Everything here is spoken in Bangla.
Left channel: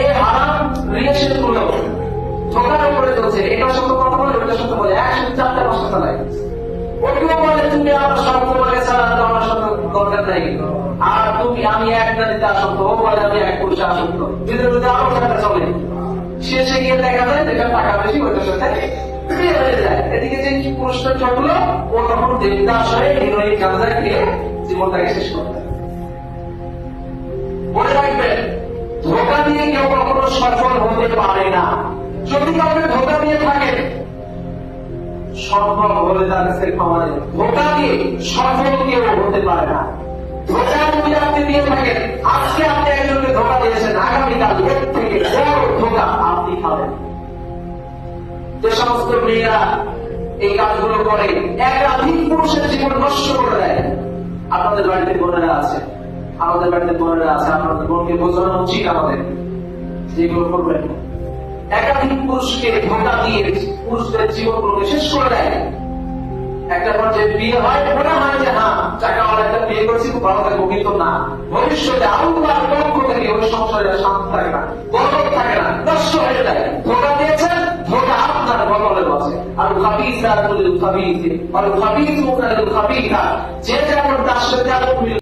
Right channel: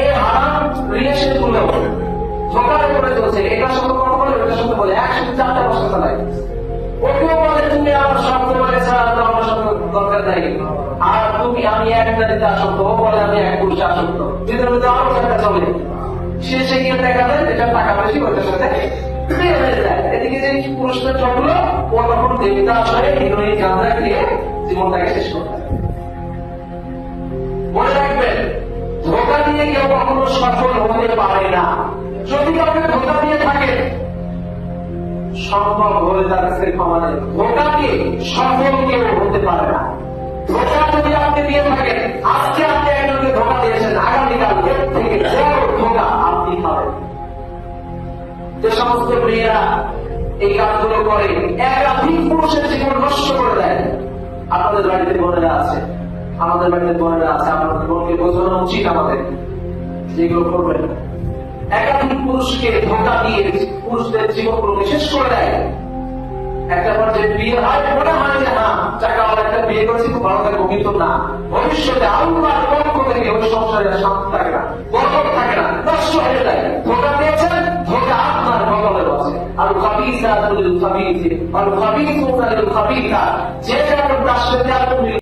এই হারাম রিলেশন গুলো ধোকার উপরে চলছে। এটার সঙ্গে কথা বলে, ওটার সঙ্গে বলে, একসাথে 4টা বছর চালায়। ওকেও বলে তুমি আমার শব্দ বলে ছাড়া আমার সঙ্গে দরকার নাই, আর তুমি আমি একটা দিতে আসক্ত, ও বলে আমি এক পুরুষে আসক্ত, দুইটার মধ্যে আরো একটা চলে। শেষে গিয়ে দেখা যায় যেটা টাকা বেশি ওইটার সাথে বিয়ে হয়ে যায়। এদিকে যে পুরুষটা চললো, ও তখন দেবদাস হয়ে হিরোইন গাঁজা খেয়ে জীবনটাকে শেষ করবে। মনে রাখবেন, ধোকা দিয়ে কেউ কখনো সফল হতে পারে না। যদি কাউকে ধোকা দিয়ে থাকে, সম্ভব হলে তার কাছে ক্ষমা নেই। ধোকা দিয়ে সফল কেউ হতে পারে না। ধোকা যদি আপনি দিয়ে থাকেন, আজকে আপনি একজনকে ধোকা দিয়েছেন, আগামীকাল এর থেকে বড় ধোকা আপনি পাবেন। যে সমস্ত মেয়েরা এই কাজগুলো করে একাধিক পুরুষের জীবন নষ্ট করে দেয়, আপনাদের বাড়িতে বোনেরা আছে, আমাদের বাড়িতে বোনেরা আছে, আপনাদের বোনকে বোঝানো উচিত আমাদের যেগুলো করবেন। একাধিক পুরুষকে ধোকা দিয়ে পুরুষদের জীবনগুলোকে শেষ করে দেয়। একটা পর্যায়ে বিয়ে হয়, মনে হয় যে হ্যাঁ টাকাওয়ালা একটা বিয়ে করেছি, খুব ভালো থাকবো, কিন্তু না, ভবিষ্যতে আল্লাহর পক্ষ থেকে ওই সংসারে শান্তি থাকে না, বরকত থাকে না, নষ্ট হয়ে যায়। ধোকা দিয়েছেন, ধোকা আপনার কপালে বসে। আর খাবিসা তুল খাবিসে আর খাবিসুনা লিল খাবিসা, যে যেমন তার সাথে